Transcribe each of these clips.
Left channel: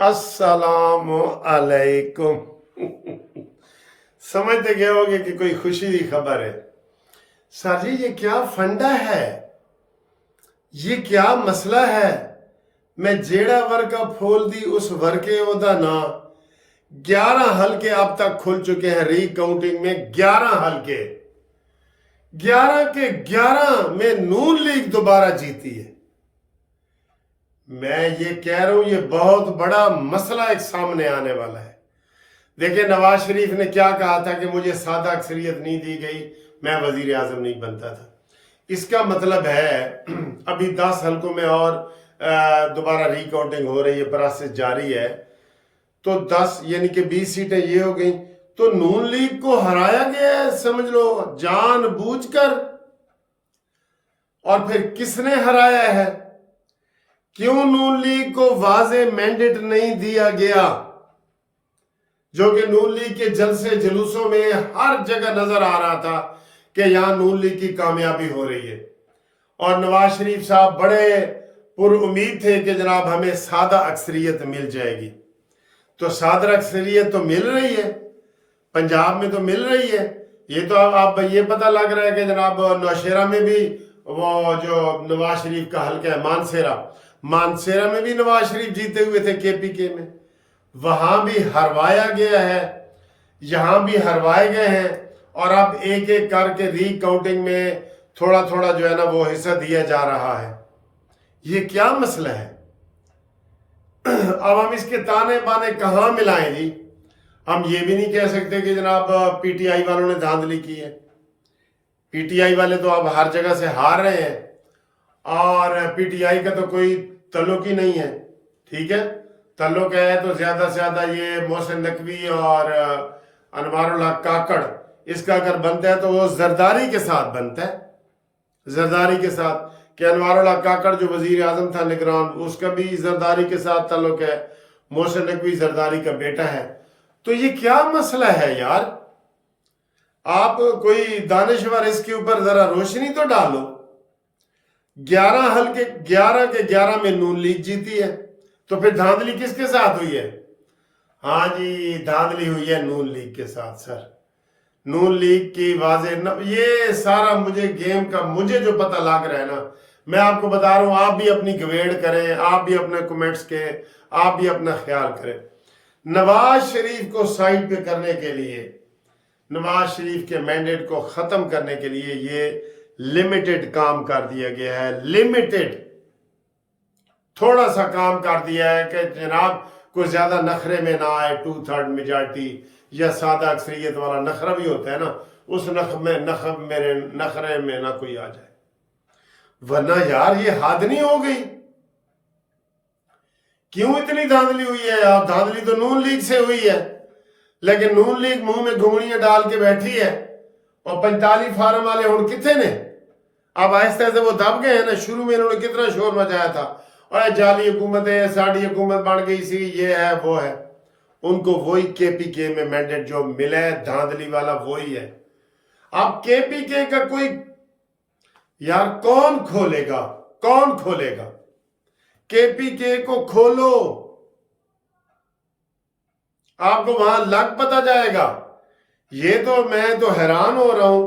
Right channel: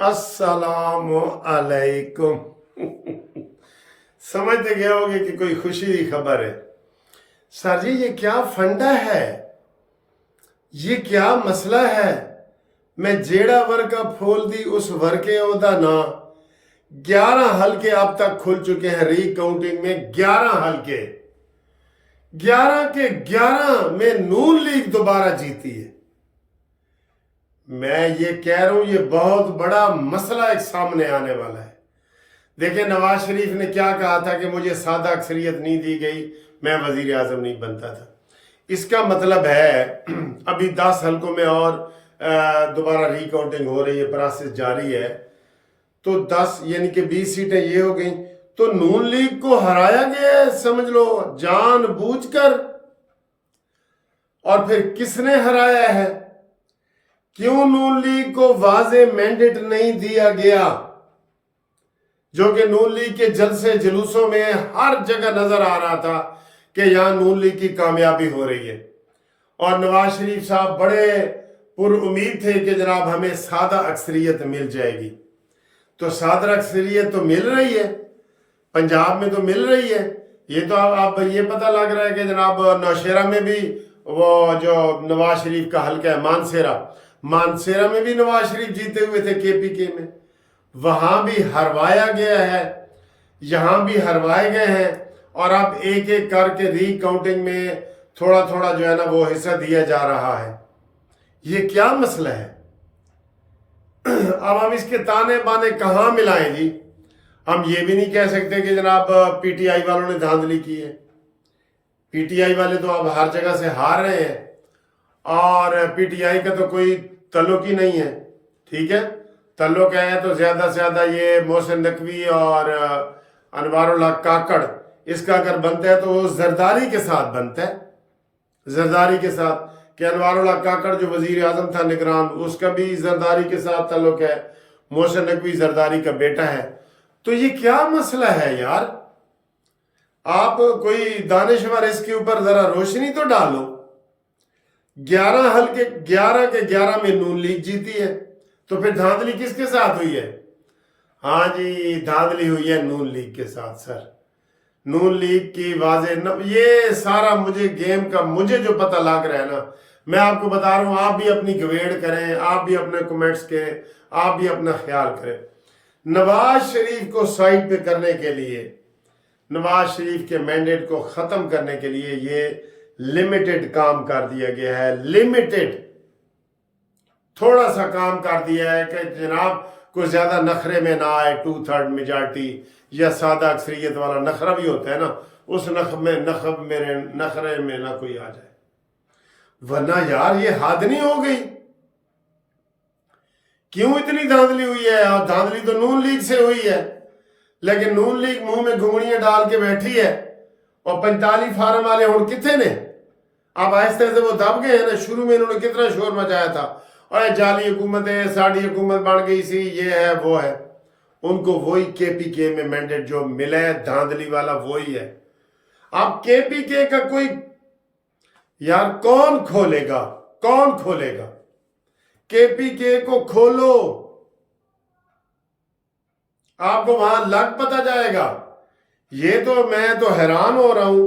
अस्सलाम अलैकुम। समझते गए होगे कि कोई खुशी की खबर है। सर जी, ये क्या फंडा है, ये क्या मसला है। मैं जेड़ा वर्का फोल दी उस वर्के ओदा ना 11 हलके अब तक खुल चुके हैं। रीकाउंटिंग में 11 हलके, 11 के 11 में नून लीग दोबारा जीती है। मैं ये कह रहा हूं, ये बहुत बड़ा मसला एक सामने आने वाला है। देखिए, नवाज शरीफ ने क्या कहा था कि मुझे सादा अक्सरियत नहीं दी गई, मैं वजीर आजम नहीं बनता था। इसका मतलब है अभी 10 हलकों में और दोबारा रिकाउंटिंग हो रही है, प्रोसेस जारी है। तो 10 यानी कि 20 सीटें ये हो गई। तो नून लीग को हराया गया है, समझ लो जानबूझकर। और फिर किसने हराया है? क्यों नून लीग को वाजे मैंडेट नहीं दिया गया, जो कि नून लीग के जलसे जुलूसों में हर जगह नजर आ रहा था कि यहां नून लीग की कामयाबी हो रही है। और नवाज शरीफ साहब बड़े पुरुम्मीद थे कि जनाब हमें सादा अक्सरियत मिल जाएगी। तो सादा अक्सरियत तो मिल रही है, पंजाब में तो मिल रही है। ये तो अब ये पता लग रहा है कि जनाब नौशेरा में भी वो जो नवाज शरीफ का हल्का है मानसेरा में भी नवाज शरीफ जीते हुए थे केपीके में, वहां भी हरवाया गया है, यहां भी हरवाए गए हैं। और अब एक एक करके रीकाउंटिंग में थोड़ा थोड़ा जो है ना वो हिस्सा दिया जा रहा है। ये क्या मसला है? अब हम इसके ताने बाने कहां मिलाएं जी। हम ये भी नहीं कह सकते कि जनाब पीटीआई वालों ने धांधली की है। पीटीआई वाले तो अब हर जगह से हार रहे हैं, और पीटीआई का तो कोई तल्लुक ही नहीं है। ठीक है, तल्लुक है तो ज्यादा से ज्यादा ये मोहसिन नकवी और अनवारुल्लाह काकड़, इसका अगर बनता है तो वो जरदारी के साथ बनता है। जरदारी के साथ कि अनवारुल्लाह काकड़ जो वजीर आजम था निगरान, उसका भी जरदारी के साथ तल्लुक है। मोहसिन नकवी जरदारी का बेटा है। तो ये क्या मसला है यार? आप कोई दानिशवर इसके ऊपर जरा रोशनी तो डालो। 11 हलके 11 के 11 में नून लीग जीती है, तो फिर धांधली किसके साथ हुई है? हाँ जी, धांधली हुई है नून लीग के साथ। सर, नून लीग की वाजे ये सारा मुझे गेम का मुझे जो पता लग रहा है ना, मैं आपको बता रहा हूं। आप भी अपनी गवेड़ करें, आप भी अपने कमेंट्स के, आप भी अपना ख्याल करें। नवाज शरीफ को साइड पे करने के लिए, नवाज शरीफ के मैंडेट को खत्म करने के लिए ये लिमिटेड काम कर दिया गया है। लिमिटेड थोड़ा सा काम कर दिया है कि जनाब कोई ज्यादा नखरे में ना आए। 2/3 मेजॉरिटी या सादा अक्सरियत वाला नखरा भी होता है ना, उस नखरे में ना कोई आ जाए। वरना यार ये हद नहीं हो गई? क्यों इतनी धांधली हुई है? और धांधली तो नून लीग से हुई है, लेकिन नून लीग मुंह में घुंगड़ियां डाल के बैठी है। और 45 फार्म वाले हुण किथे ने? अब आहिस्ते आहिस्ते वो दब गए हैं ना। शुरू में इन्होंने कितना शोर मचाया था, और जाली हुकूमत है, साड़ी हुकूमत बन गई सी, ये है वो है। उनको वही केपीके में मैंडेट जो मिला है धांधली वाला वही है। अब केपीके का कोई यार कौन खोलेगा? कौन खोलेगा? केपीके को खोलो, आपको वहां लग पता जाएगा। ये तो मैं तो हैरान हो रहा हूं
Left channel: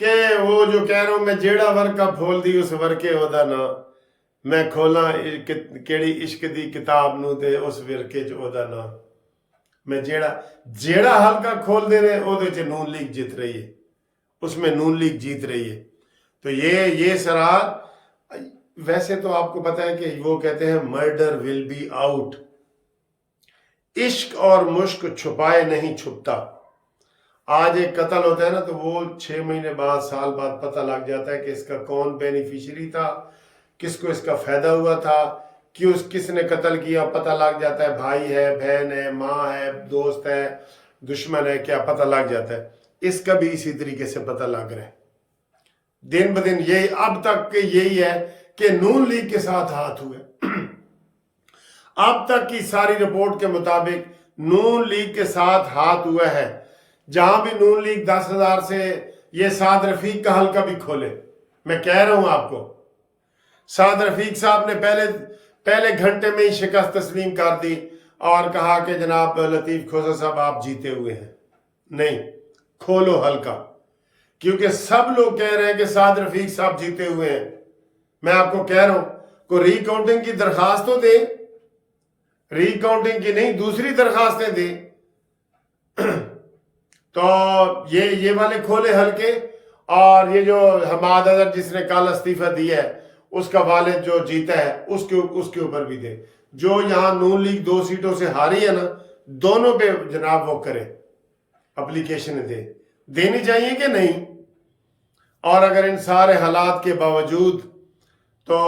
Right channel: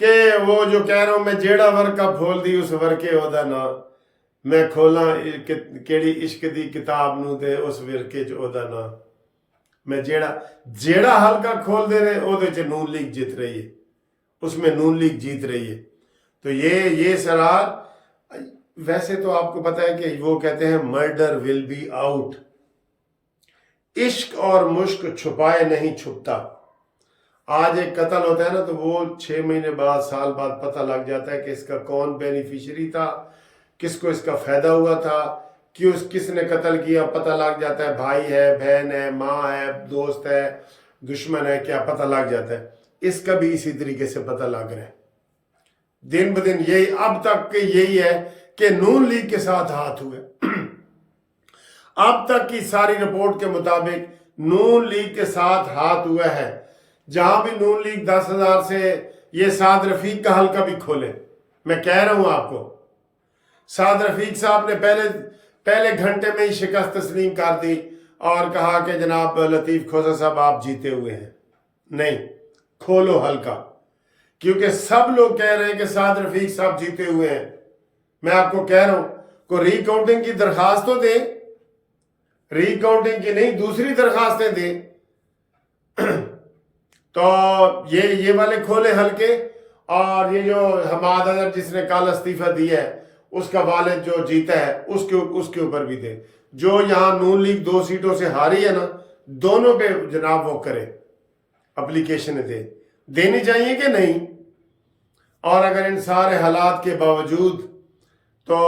कि वो जो कह रहा हूं, मैं जेड़ा वर्का खोल दी उस वर्के ओदा ना, मैं खोला केड़ी इश्क दी किताब नू ते उस विरके च ओदा ना। मैं जेड़ा हल्का खोल दे रहे ओदे च नून लीग जीत रही है, उसमें नून लीग जीत रही है। तो ये सरार, वैसे तो आपको पता है कि वो कहते हैं मर्डर विल बी आउट। इश्क और मुश्क छुपाए नहीं छुपता। आज एक कत्ल होता है ना, तो वो 6 महीने बाद, साल बाद पता लग जाता है कि इसका कौन बेनिफिशियरी था, किसको इसका फायदा हुआ था, किसने कत्ल किया, पता लग जाता है। भाई है, बहन है, माँ है, दोस्त है, दुश्मन है, क्या पता लग जाता है। इसका भी इसी तरीके से पता लग रहा है। दिन ब दिन यही अब तक के यही है कि नून लीग के साथ हाथ हुए। अब तक की सारी रिपोर्ट के मुताबिक नून लीग के साथ हाथ हुआ है। जहां भी नून लीग 10,000 से ये साद रफीक का हल्का भी खोले, मैं कह रहा हूं आपको, साद रफीक साहब ने पहले घंटे में ही शिकस्त तस्लीम कर दी। اور کہا کہ جناب لطیف کھوسا صاحب آپ جیتے ہوئے ہیں. نہیں، کھولو ہلکا، کیونکہ سب لوگ کہہ رہے ہیں کہ سعد رفیق صاحب جیتے ہوئے ہیں. میں آپ کو کہہ رہا ہوں کوئی ری کاؤنٹنگ کی درخواست تو دے، ری کاؤنٹنگ کی نہیں دوسری درخواستیں دے. تو یہ والے کھولے ہلکے. اور یہ جو حماد اظہر جس نے کل استعفیٰ دیا ہے اس کا والد جو جیتا ہے اس کے اوپر بھی دے. جو یہاں نون لیگ 2 سیٹوں سے ہاری ہے نا، دونوں پہ جناب وہ کرے، اپلیکیشن دینی چاہیے کہ نہیں. اور اگر ان سارے حالات کے باوجود تو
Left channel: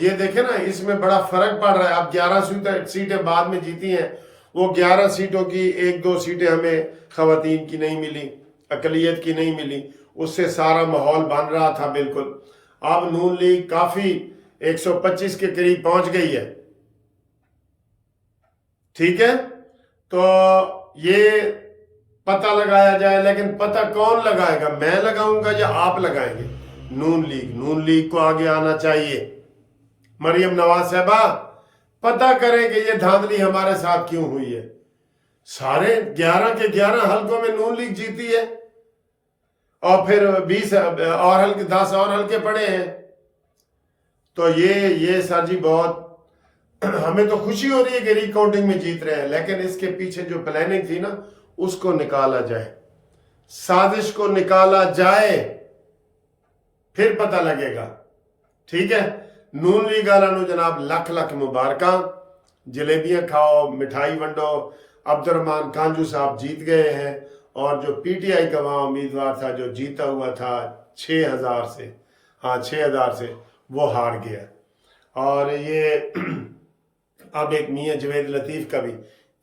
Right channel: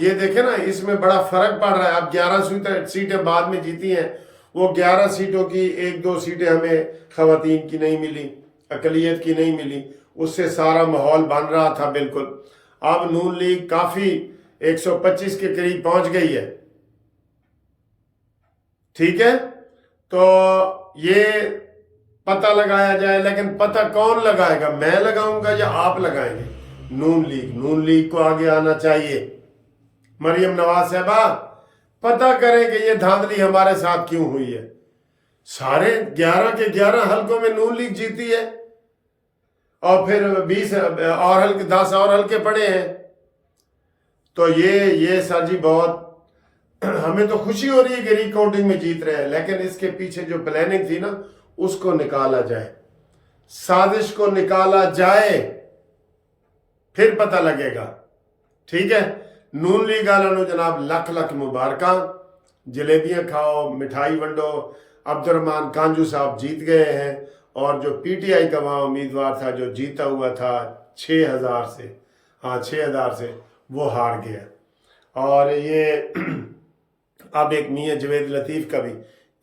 یہ دیکھیں نا، اس میں بڑا فرق پڑ رہا ہے. اب 11 سیٹیں بعد میں جیتی ہیں، وہ 11 سیٹوں کی 1-2 سیٹیں ہمیں خواتین کی نہیں ملی، اقلیت کی نہیں ملی. اس سے سارا ماحول بن رہا تھا بالکل. اب نون لیگ کافی 125 کے قریب پہنچ گئی ہے. ٹھیک ہے، تو یہ پتہ لگایا جائے. لیکن پتہ کون لگائے گا؟ میں لگاؤں گا یا آپ لگائیں گے؟ نون لیگ کو آگے آنا چاہیے. مریم نواز صاحبہ پتہ کریں کہ یہ دھاندلی ہمارے ساتھ کیوں ہوئی ہے. سارے 11 کے 11 حلقوں میں نون لیگ جیتی ہے، اور پھر 20 اور حلقے 10 اور حلقے پڑے ہیں. تو یہ سر جی بہت ہمیں تو خوشی ہو رہی ہے کہ ری کاؤنٹنگ میں جیت رہے ہیں، لیکن اس کے پیچھے جو پلاننگ تھی نا اس کو نکالا جائے، سازش کو نکالا جائے، پھر پتہ لگے گا. ٹھیک ہے، نون لیگ والوں جناب لکھ لکھ مبارکاں. جلیبیاں کھاؤ، مٹھائی ونڈو. عبد الرحمان کانجو صاحب جیت گئے ہیں، اور جو پی ٹی آئی کا وہاں امیدوار تھا جو جیتا ہوا تھا 6,000 سے، 6,000 سے، وہ ہار گیا. اور یہ اب ایک میاں جوید لطیف کا بھی،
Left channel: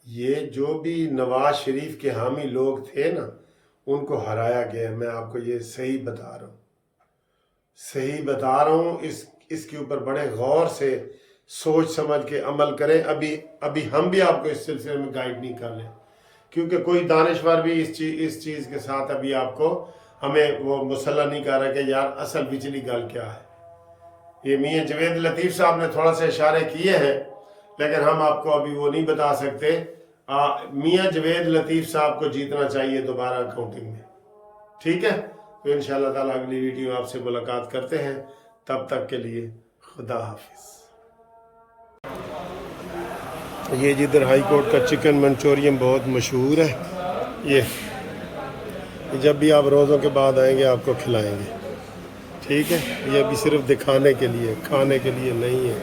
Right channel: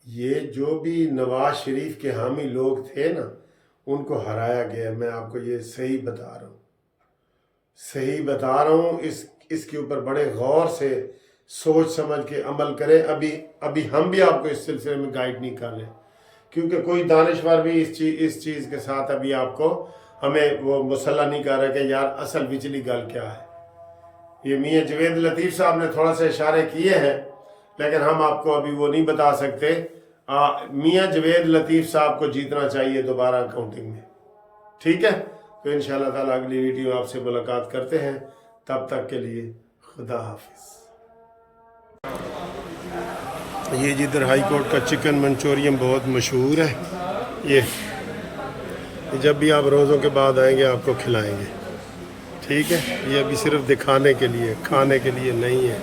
یہ جو بھی نواز شریف کے حامی لوگ تھے نا ان کو ہرایا گیا. میں آپ کو یہ صحیح بتا رہا ہوں. اس کے اوپر بڑے غور سے سوچ سمجھ کے عمل کریں. ابھی ہم بھی آپ کو اس سلسلے میں گائیڈ نہیں کر رہے، کیونکہ کوئی دانشور بھی اس چیز کے ساتھ ابھی آپ کو ہمیں وہ مسلح نہیں کر رہا کہ یار اصل وچلی گل کیا ہے. یہ میاں جوید لطیف صاحب نے تھوڑا سا اشارے کیے ہیں، لیکن ہم آپ کو ابھی وہ نہیں بتا سکتے. میاں جوید لطیف صاحب کو جیتنا چاہیے دوبارہ کاؤنٹنگ میں. ٹھیک ہے، تو انشاءاللہ تعالیٰ اگلی ویڈیو آپ سے ملاقات کرتے ہیں. تب تک کے لیے خدا حافظ. یہ جدھر ہائی کورٹ کا چکن منچورین بہت مشہور ہے. یہ جب بھی آپ روزوں کے بعد آئیں گے آپ کو کھلائیں گے. ٹھیک ہے، یہ ابھی صرف دکھانے کے لیے، کھانے کے لیے نہیں ہے.